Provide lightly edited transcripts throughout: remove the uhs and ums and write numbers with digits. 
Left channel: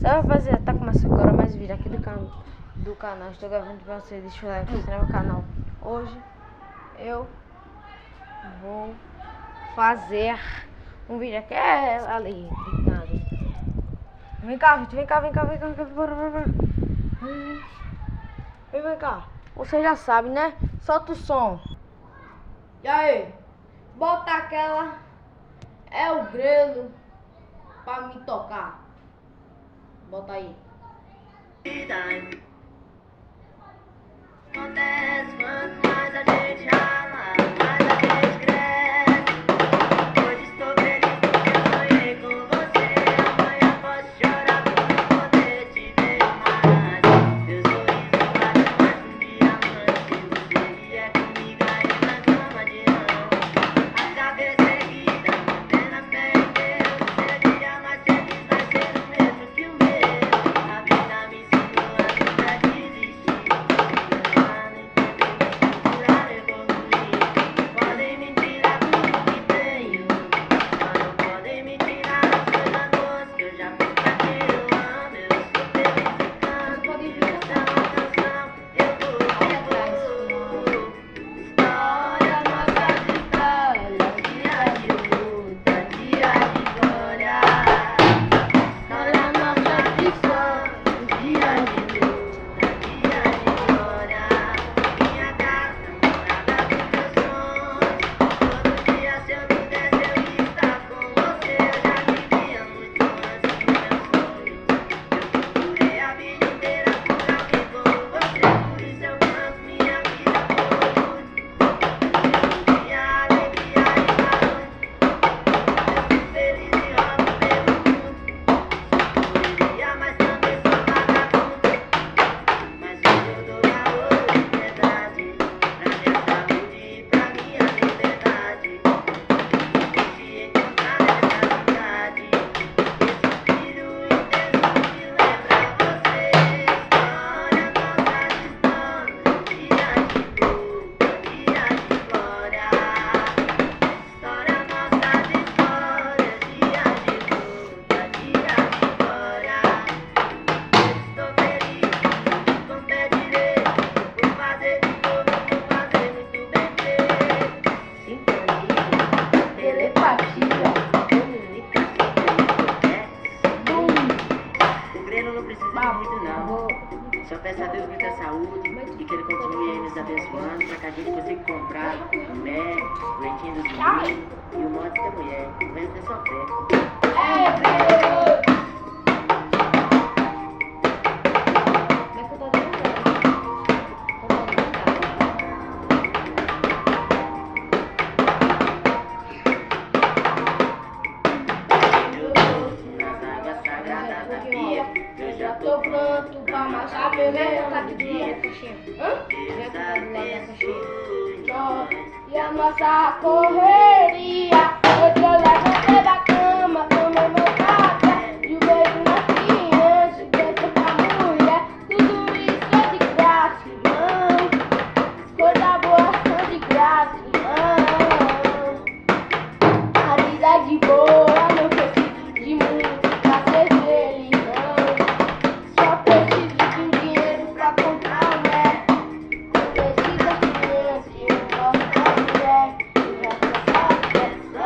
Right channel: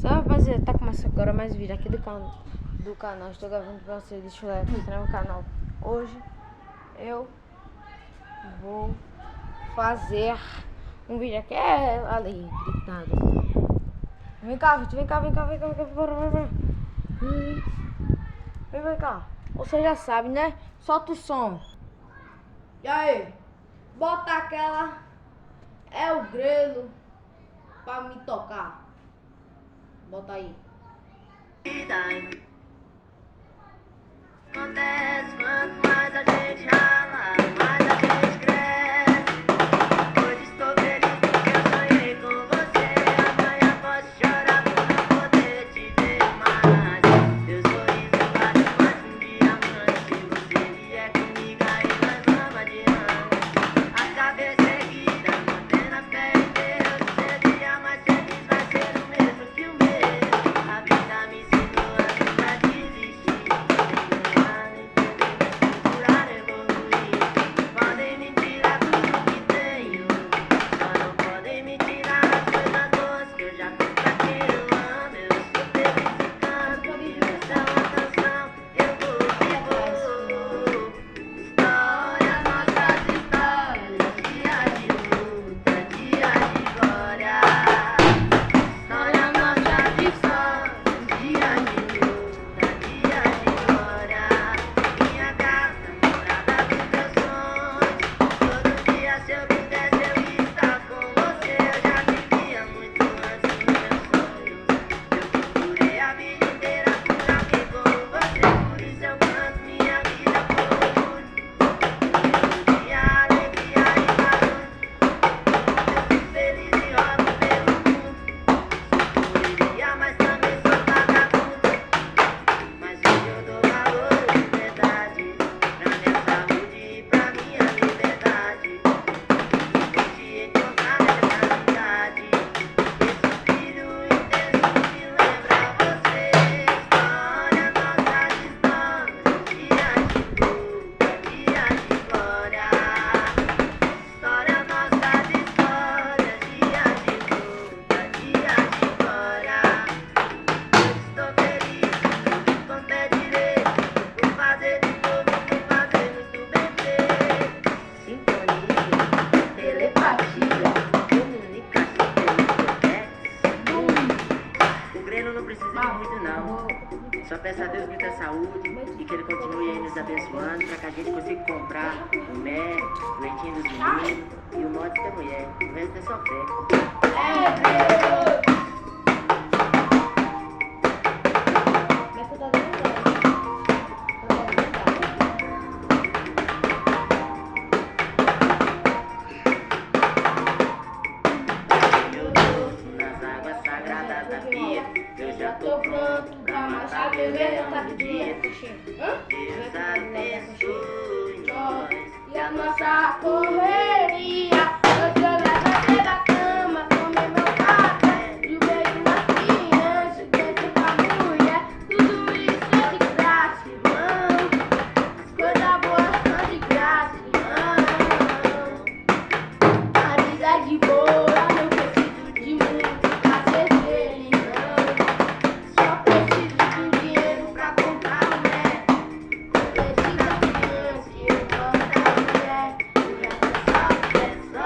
Rapaziada, tá começando agora mais vídeo aqui do canal. Estou gravando pra vocês, deixa eu mostrar meu canal. Hoje eu vou fazer um vídeo aqui, ali, gritando. Vem cá, Vitor, vem cá, bora. Vem cá, você já sabe, né? Solta o som. E aí, bota aquela, é o grelo pra me tocar. Bota aí. Acontece quanto mais a gente rala, mais a gente cresce. Hoje estou feliz porque eu sonhei com você. Amanhã posso chorar por não poder te ver mais. Eu sorri de várias, mas um dia à noite você vier comigo aí na cama de anjo. A cabeça erguida, apenas fé em Deus. Esse dia mais feliz vai ser o mesmo que o meu. A vida me ensinou a nunca desistir. Podem me tirar tudo que tenho, só não podem me tirar as coisas boas que eu já tenho pra quem eu amo. Eu estou felicitando, essa é uma canção, eu vou. História, nossas histórias, dias de luta, dias de glória. História, nossas histórias, dias de luta, dias de glória. Minha casa, cada vez meus sonhos. Todo dia se eu pudesse eu ia estar com você. Eu já vivia muito antes dos meus sonhos. Eu procurei a vida inteira por alguém como você. Por isso eu canto minha vida por orgulho. Minha alegria está longe. Eu fui feliz e rodo pelo mundo. Sou correria, mas também sou vagabundo. Mas hoje eu dou valor de verdade pra minha saúde e pra minha liberdade. Depois de encontrar nessa cidade, esse filho invisível é pra você. História, nossas histórias, dias de luta, dias de glória. História, nossas histórias, dias de luta, dias de glória. Estou feliz, com fé de ver, vou fazer de novo, vou fazer muito bem feito. Sintonia, telepatia, comunicação, o Grêmio não precisa de muito não. Só peço a Deus muita saúde e que ele continue aí nos abençoando para que a gente consiga comprar o boné, o leitinho dos meninos e o modo da mulher. O resto é só fé. Eu já tô pronto pra marchar, meu velho tá aqui do lado da caixinha. Vai tá do lado da caixinha. E a nossa correria, hoje eu levantei da cama, tomei meu café, e o beijo na criança, dentro da mulher, tudo isso é de graça, irmão. Coisa boa são de graça, irmão. A vida é de boa, não preciso de muito pra ser feliz, não. Só preciso de dinheiro pra comprar um Mac. Não precisa de criança, eu gosto da mulher. O resto é só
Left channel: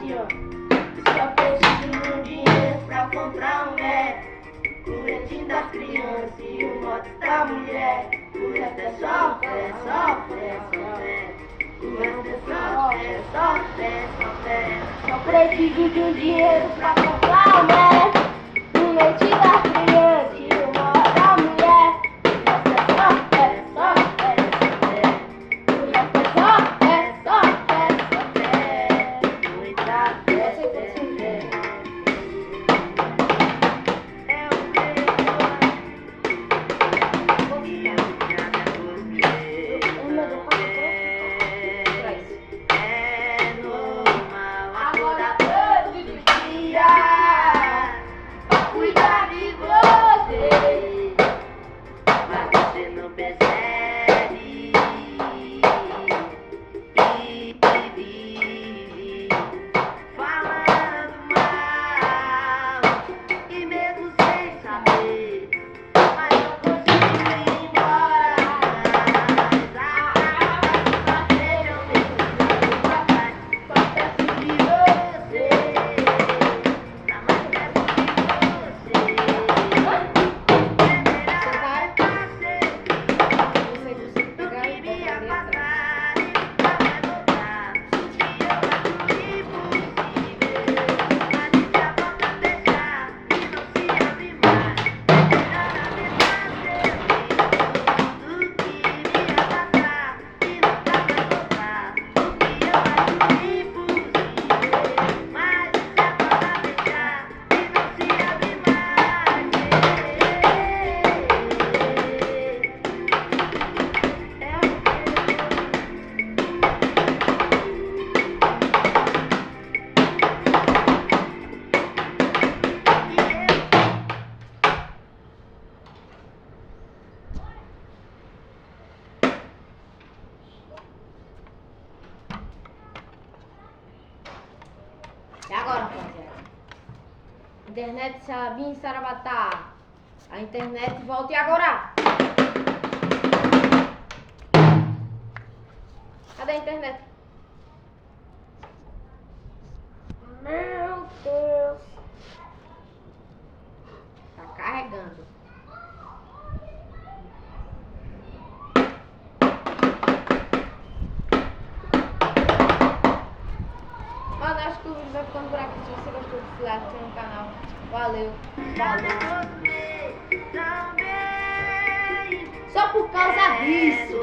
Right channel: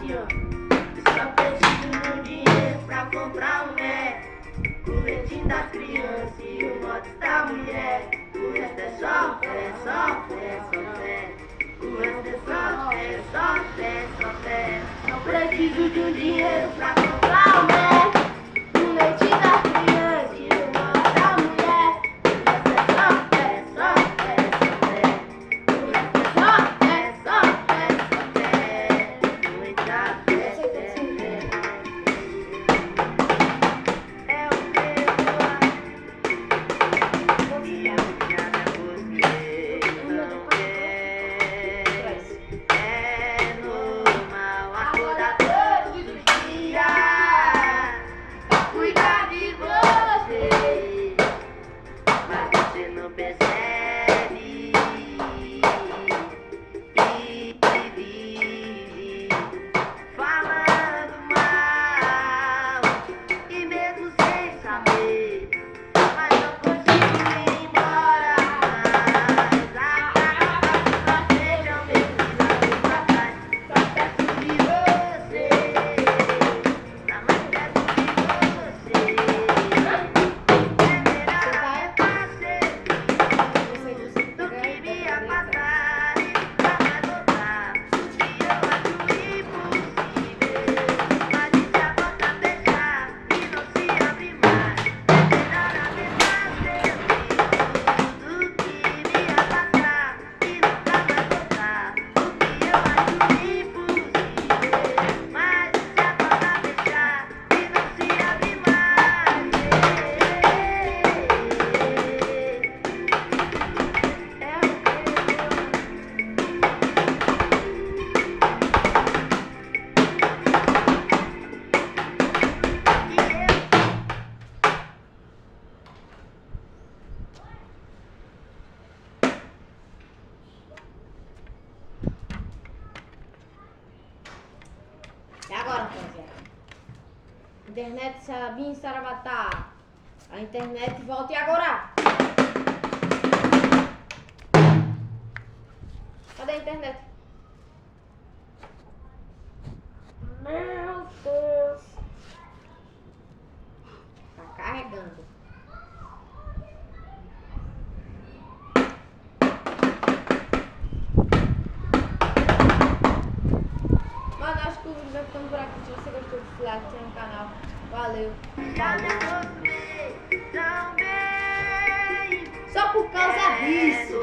assim, ó. Só preciso de um dinheiro pra comprar um Mac, o leitinho das crianças e o moto da mulher. O resto é só fé, só fé, só fé. O resto é só fé, só fé, só fé. Só preciso de um dinheiro pra comprar um Mac, o leitinho das crianças e o moto da mulher. O resto é só fé, só fé, só fé. O resto é só fé, só fé, só fé. Muita fé, fé, fé. É o é normal acordar todo dia pra cuidar de você, mas você não percebe e vive falando mal e mesmo sem saber, mas não consigo ir embora mais. Seja o mesmo papai, só peço de você, tá mais perto de você. Você vai? Você consegue pegar e Queria botar dentro. passar e pra me adotar, e eu acho impossível, mas se a porta fechar e não se abre mais, tudo queria passar e nunca mais voltar, o que eu acho impossível, mas se a porta fechar e não se abre mais, E agora, rapaziada? Internet Sabim Sarabatá. A internet volta e agora? Cadê a internet? Meu Deus. Tá carregando. Mano, acho que o vídeo vai ficando por aqui. Se você gostou desse like, tem no canal. Valeu. Falou. Só por causa disso.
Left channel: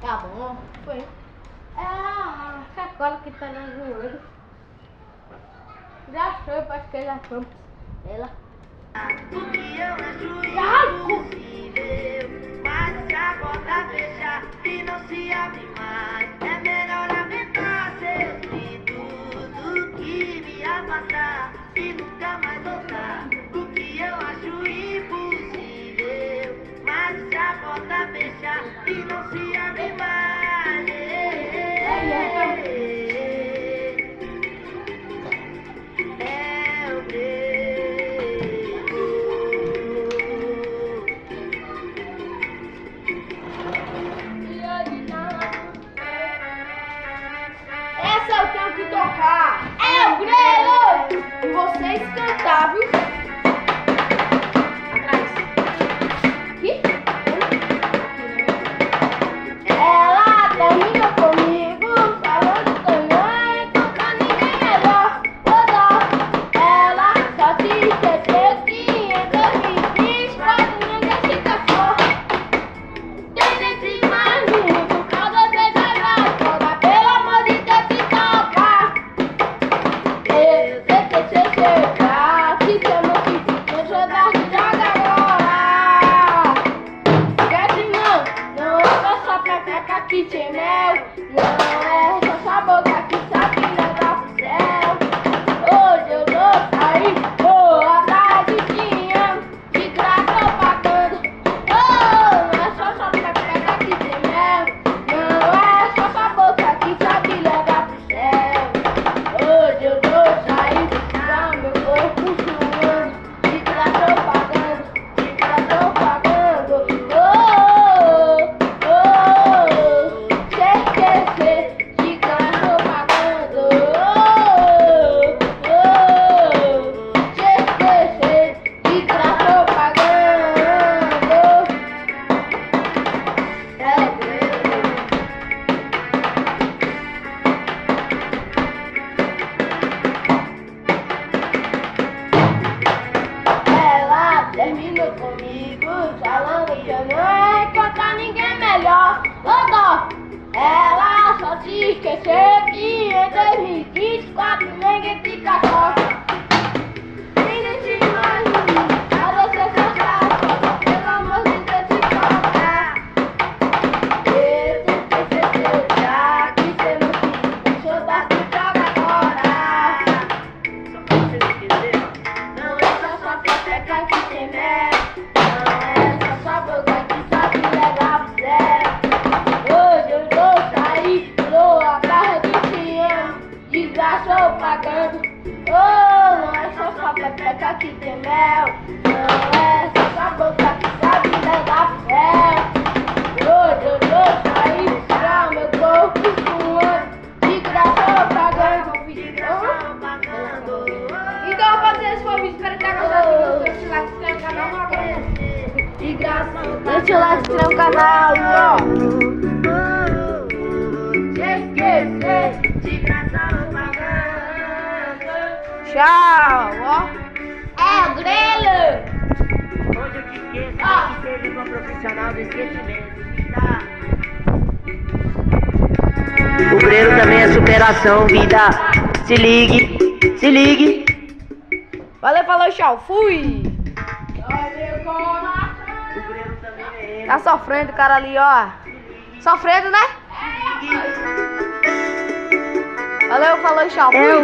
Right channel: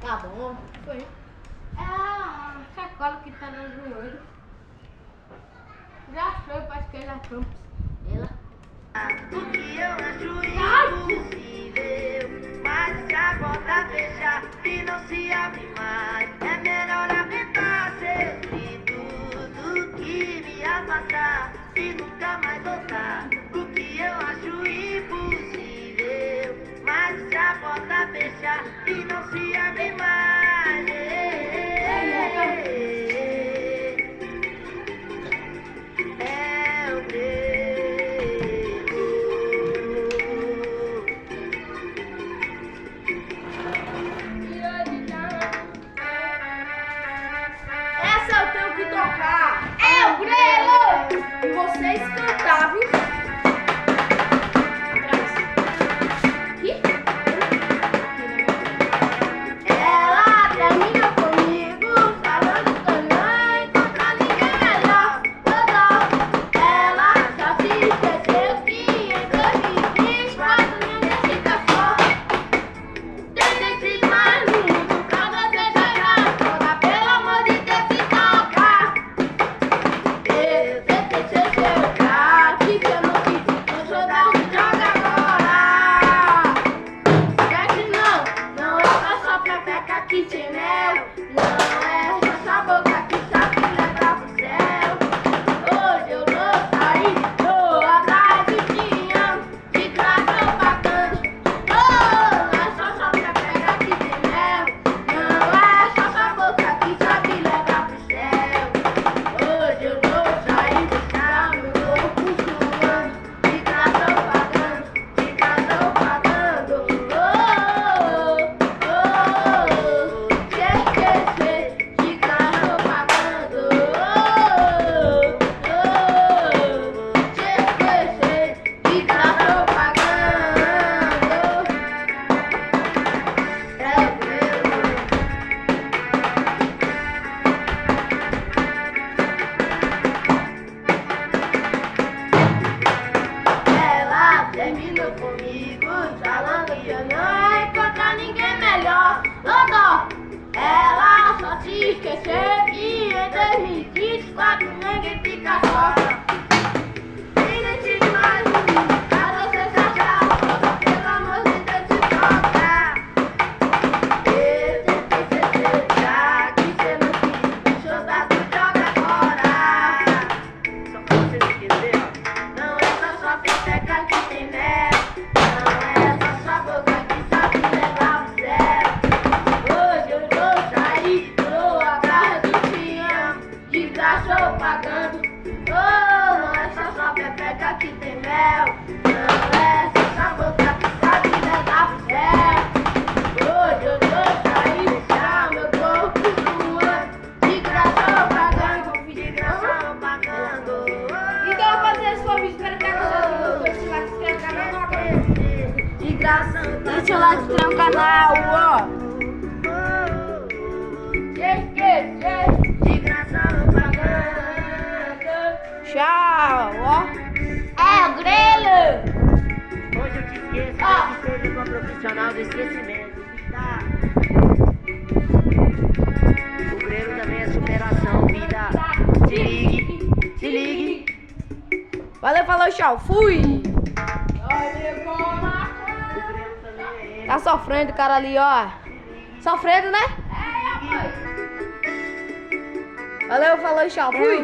Tá bom, foi. É a sacola que tá no joelho. Já foi, acho que ele achou ela. O que eu acho impossível, mas se a porta fechar e não se abre mais, é melhor lamentar seus gritos do que me afastar e nunca mais voltar. O que eu acho impossível, mas se a porta fechar e não se abre mais. É o Essa eu tenho que tocar. É o grelo! E vocês cantar, viu? Atrás. Aqui? Ela terminou comigo, falando também, pra ninguém melhor. Ela só se esqueceu que em 2020, quando ninguém se casou. Tem esse mais muito, pra você jogar toda, pelo amor de Deus, se toca. pepeca que tem mel. Não é essa boca que sabe negar fé. Saí pra meu corpo suando. De graça eu pagando. Então eu vou fazer esse convite. Espero que tenha gostado. Deixa o like, se inscreve no canal agora. De graça. Deixa o like, se inscreve no canal. De graça eu pagando. Tchau, ó. É o grelo. Hoje eu te esqueço, que seja uma profissional do esquecimento. O grelo também é superação, vida. Se ligue, se ligue. Valeu, falou, tchau. Fui. Tá sofrendo o cara ali, ó. Sofrendo, né? Valeu, falou, tchau. Fui.